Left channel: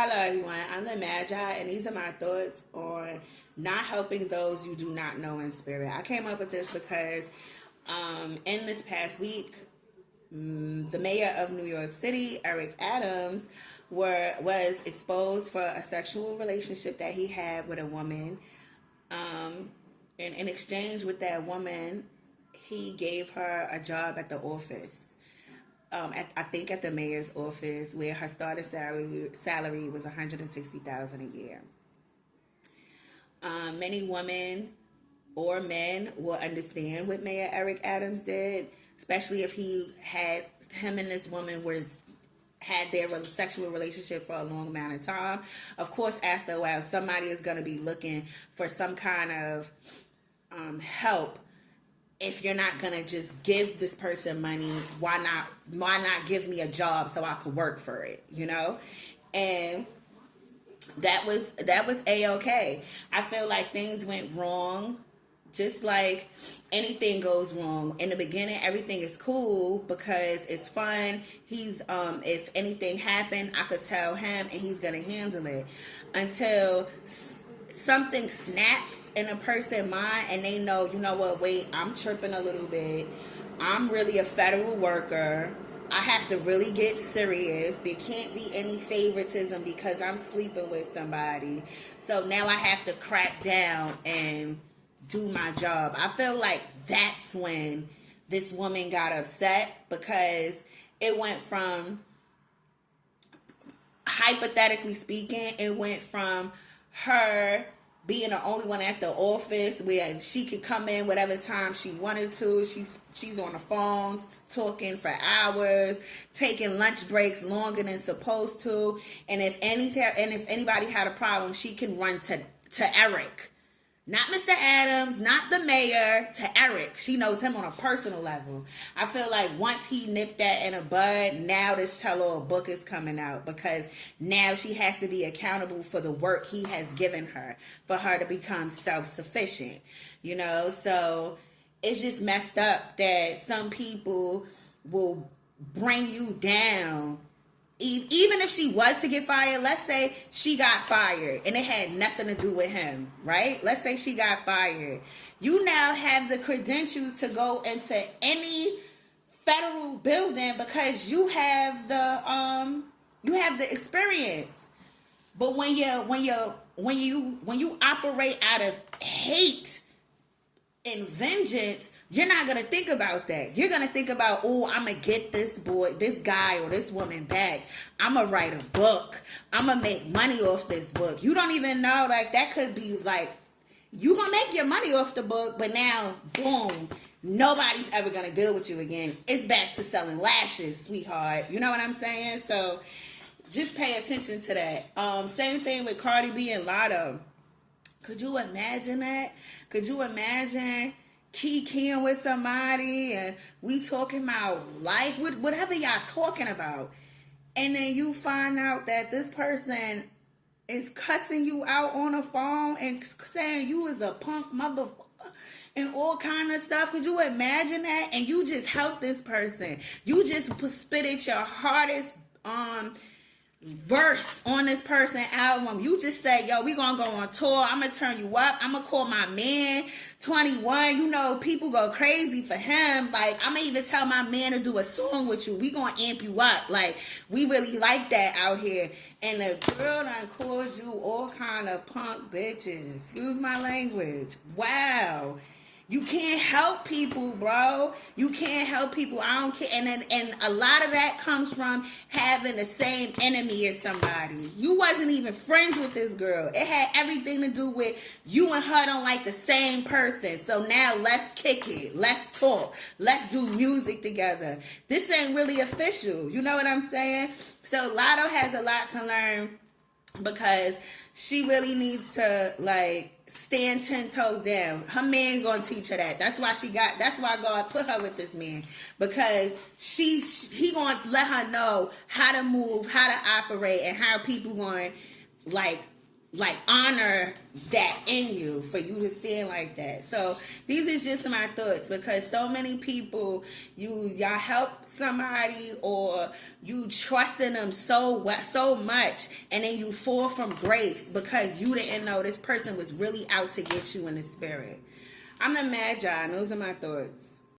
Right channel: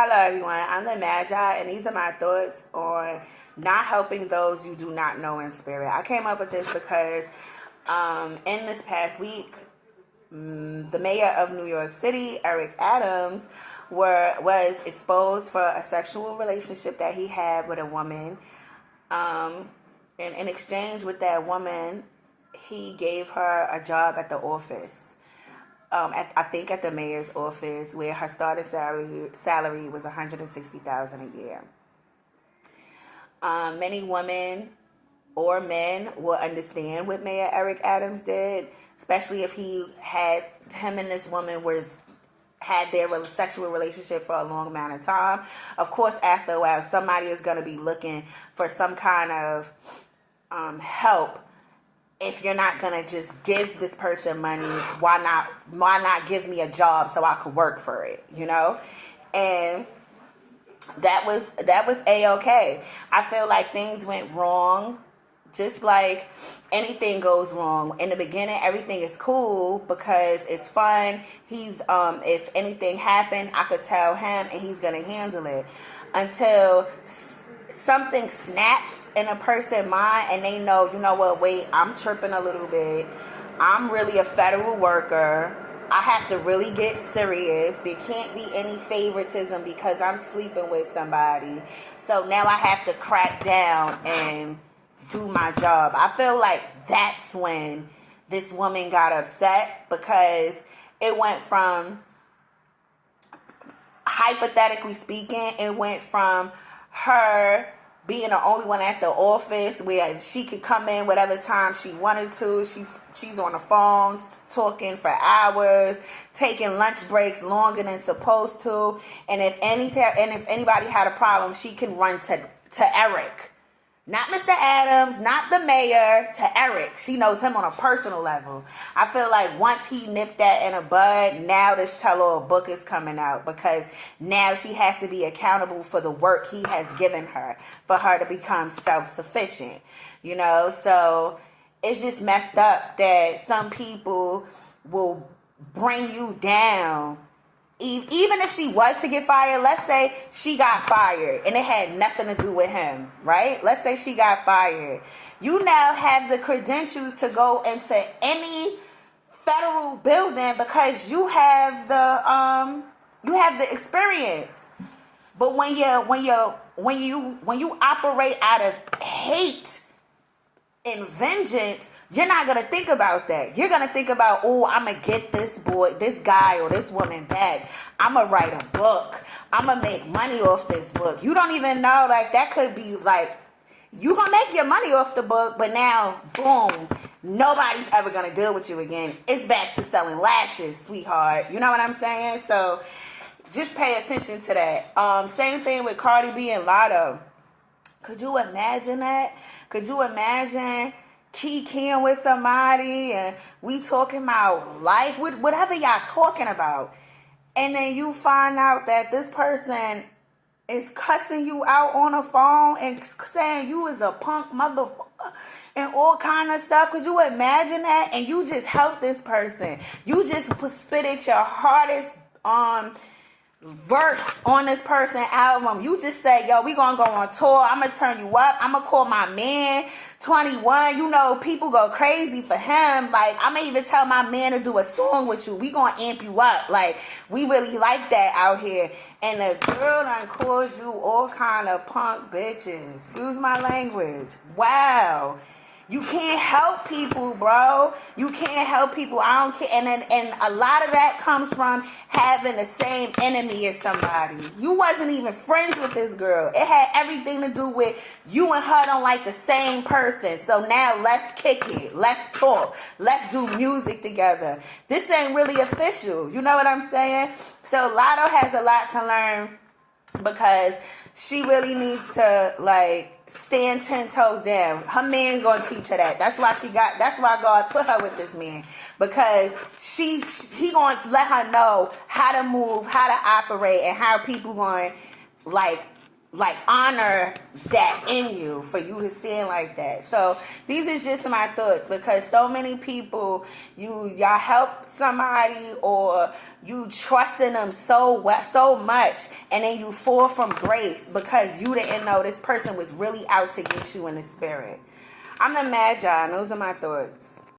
Hello, everyone. I'm the Magi, and these are my thoughts on not helping those you do not know in spirit. I came up with this because in this past week, the mayor of New York City, Eric Adams, was exposed for a sexual relationship that he had with a woman. And in exchange with that woman, he gave her a job at the office. I think at the mayor's office, where her starting salary was $160,000 a year. Many women or men will understand what Mayor Eric Adams did, especially if him and this woman had their sexual relationship for a long amount of time. Of course, after a while, somebody is going to be looking for some kind of help. If you're not gonna just give this person money, why not give me a job so I could work for it, And that was A-okay. I feel like things went wrong, just like anything goes wrong. In the beginning, everything is cool because it's fun. He's if anything happened, I could tell him and he's gonna handle it until something snaps in a person's mind and they know, wait, I'm tripping a little bit. I'm really a federal worker. I have to really get serious. There can't be any favoritism because I'm sleeping with somebody. So now I have to crack down and do my job. I feel like that's when this woman got upset because it went from, hypothetically speaking, it went from her being the only one at the office where she could come in whatever time she wanted to. She's on the phone talking for hours, taking lunch breaks longer than supposed to. And if anybody had a problem, she can run to Eric. Not Mr. Adams, not the mayor, to Eric. She knows him on a personal level. I feel like once he nipped that in a bud, now this tell-all book is coming out because now she has to be accountable for the work he has given her for her to become self-sufficient. So it's just messed up that some people will bring you down. Even if she was to get fired, let's say she got fired and it had nothing to do with him, right? Let's say she got fired. You now have the credentials to go into any federal building because you have the experience. But when you operate out of hate and vengeance, you're not going to think about that. You're going to think about, I'm going to get this guy or this woman back. I'm going to write a book. I'm going to make money off this book. You don't even know, that could be, you're going to make your money off the book, but now, boom, nobody's ever going to deal with you again. It's back to selling lashes, sweetheart. You know what I'm saying? So, just pay attention to that. Same thing with Cardi B and Latto. Could you imagine that? Could you imagine kikiing with somebody and we talking about life, whatever y'all talking about, and then you find out that this person is cussing you out on the phone and saying you is a punk motherfucker and all kind of stuff. Could you imagine that? And you just helped this person. You just spitted your hardest verse on this person's album. You just said, yo, we gonna go on tour. I'm gonna turn you up. I'm gonna call my man 21. People go crazy for him. I may even tell my man to do a song with you. We gonna amp you up. We really like that out here. And the girl done called you all kind of punk bitches. Excuse my language. Wow. You can't help people, bro. You can't help people. I don't care. And a lot of that comes from having the same enemy as somebody. You wasn't even friends with this girl. It had everything to do with you and her don't like the same person. So now let's kick it. Let's talk. Let's do music together. This ain't really official. You know what I'm saying? So Latto has a lot to learn because she really needs to, stand 10 toes down. Her man gonna teach her that. That's why God put her with this man. Because he gonna let her know how to move, how to operate, and how people gonna honor that in you for you to stand like that. So these are just my thoughts because so many people, y'all help somebody or You trust in them so much, and then you fall from grace because you didn't know this person was really out to get you in the spirit. I'm the Magi. Those are my thoughts.